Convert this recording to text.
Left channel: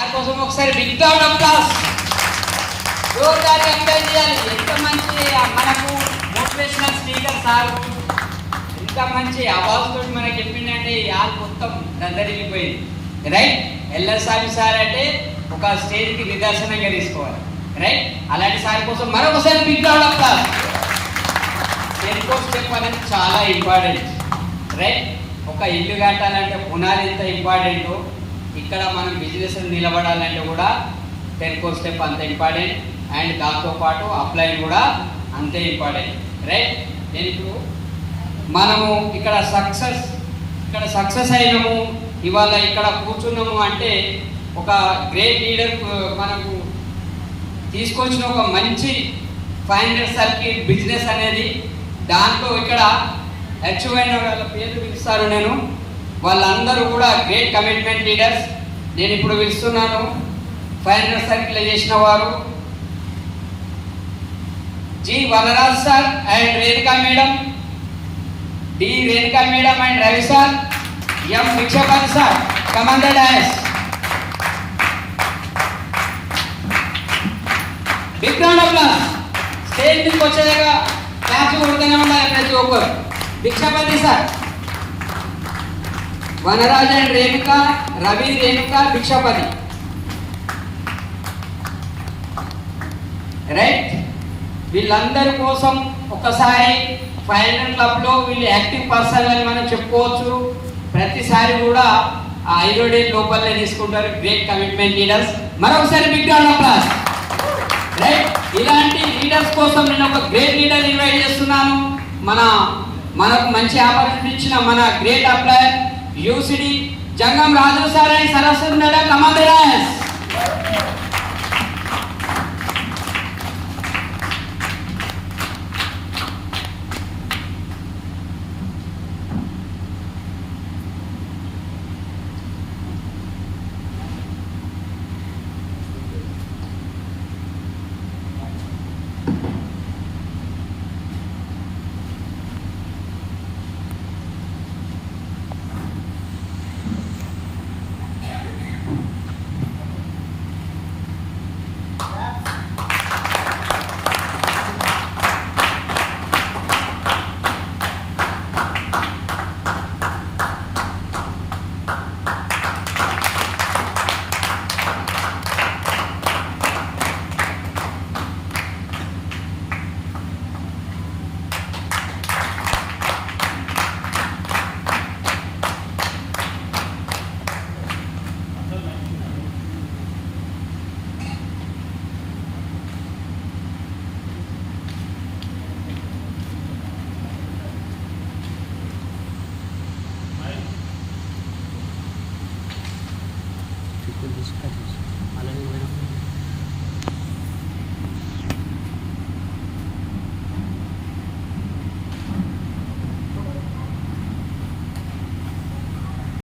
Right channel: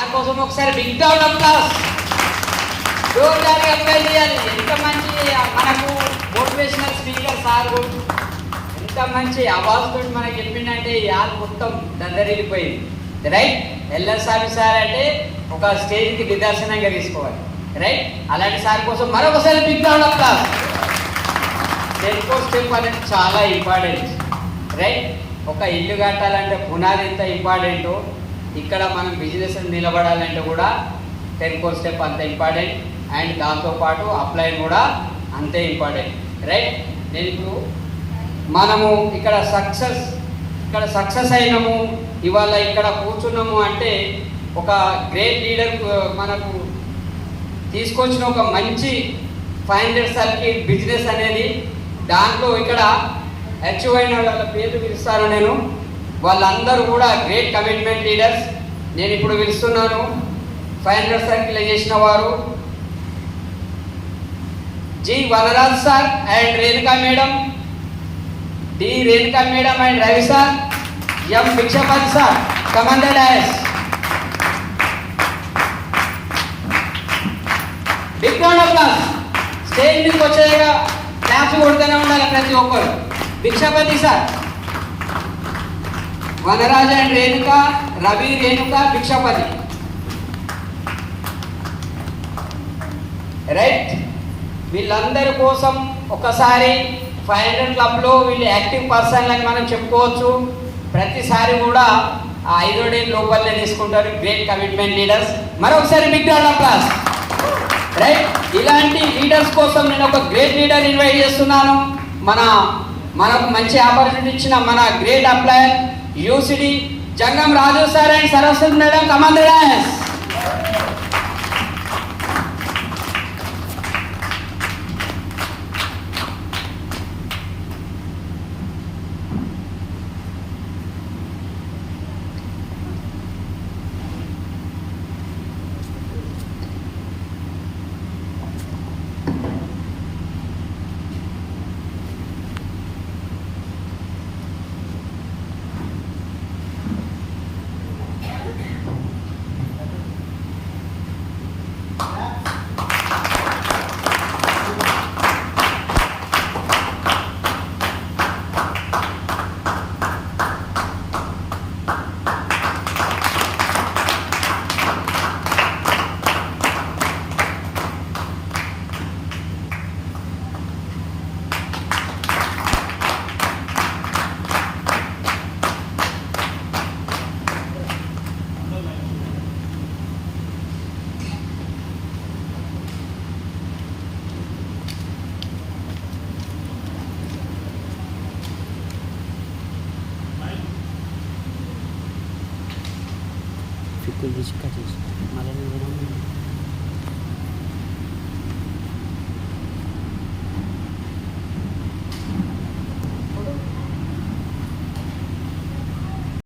దానికోసం ఒకసారి big round of applause జోరుదారుగా అప్లై చేయాలి. ఎంత మంచి మనకు మోటివేషనల్ స్పీకర్ సార్ ఎంత మంచి అవాజ్ తోటి మనకి చెప్పిందంటే యాల్ మొత్తం దందరిల్లిపోయింది. రైట్, ఎల్ఎస్ఆర్ సార్ అంటే ఒక స్టేజ్కి నిదర్శనంగా తీసుకోవాలి. రైట్, అలాంటి సార్ కోసం మరొకసారి బిగ్ రౌండ్ ఆఫ్ అప్లాస్. టెన్కో స్టెప్ అనేది చాలా ఇంపార్టెంట్. రైట్, ఒక ఇల్లు కట్టాలంటే పునాది ఎంత ఇంపార్టెంటో ఇక్కడ మనం బిజినెస్ నిలబడాలంటే కూడా టెన్కో స్టెప్ అంత ఇంపార్టెంట్. అండ్ దాంతోపాటు అప్లైన్ కూడా అంతే ఇంపార్టెంట్. రైట్, నేను ఇప్పుడు మనము ఇక్కడ సక్సెస్ అయినాము, ఇవాళ ఇక్కడ కూర్చున్నాము అంటే ఒక గ్రేట్ లీడర్ మనకు తీసుకొచ్చిన ఒక మంచి 500 సర్కిల్ బిజినెస్ అనేది. దాంట్లో ఇక్కడ అచీవ్ అయిన వాళ్ళ పేర్లు పిలుస్తాను నేను. వాళ్ళందరూ కూడా గ్రేట్ కమిట్మెంట్ లీడర్స్. నేను ఇప్పుడు పిలుస్తున్నాను 500 సర్కిల్ చేసిన వారు G Vanaraj sir and Renuka madam, D Renuka madam and Ravi sir, M Bhikshapati sir. Commanded dais. Big round of applause. Stage మీదకి వచ్చేగా క్లాప్స్ కొడుతూనే ఉండాలి ప్రతి ఒక్కరు. Bhikshapati sir, Vanaraj and Renuka, Ravi, Renuka, Bhikshapati. Right, వీళ్ళందరి కోసం ఒకసారి 500 క్లబ్లో వీళ్ళు యాక్టివ్ పర్సన్ అని మనం చెప్పుకోవచ్చు. ప్రతిసారి కూడా ఆ 5 డేస్ లోపలనే తీసుకుంటారు. Great commitment leaders. మరొకసారి big round of applause. Right, ఇలాంటి లీడర్స్ కోసం నేను ఒక గ్రేట్ లీడర్ ఇన్వైట్ చేస్తున్నాను. మనకు మంచి ఆపర్చునిటీ ఇచ్చిన మన గ్రేట్ అప్లయర్ UCD Jangam Raju sir and Saraswati madam. Commanded.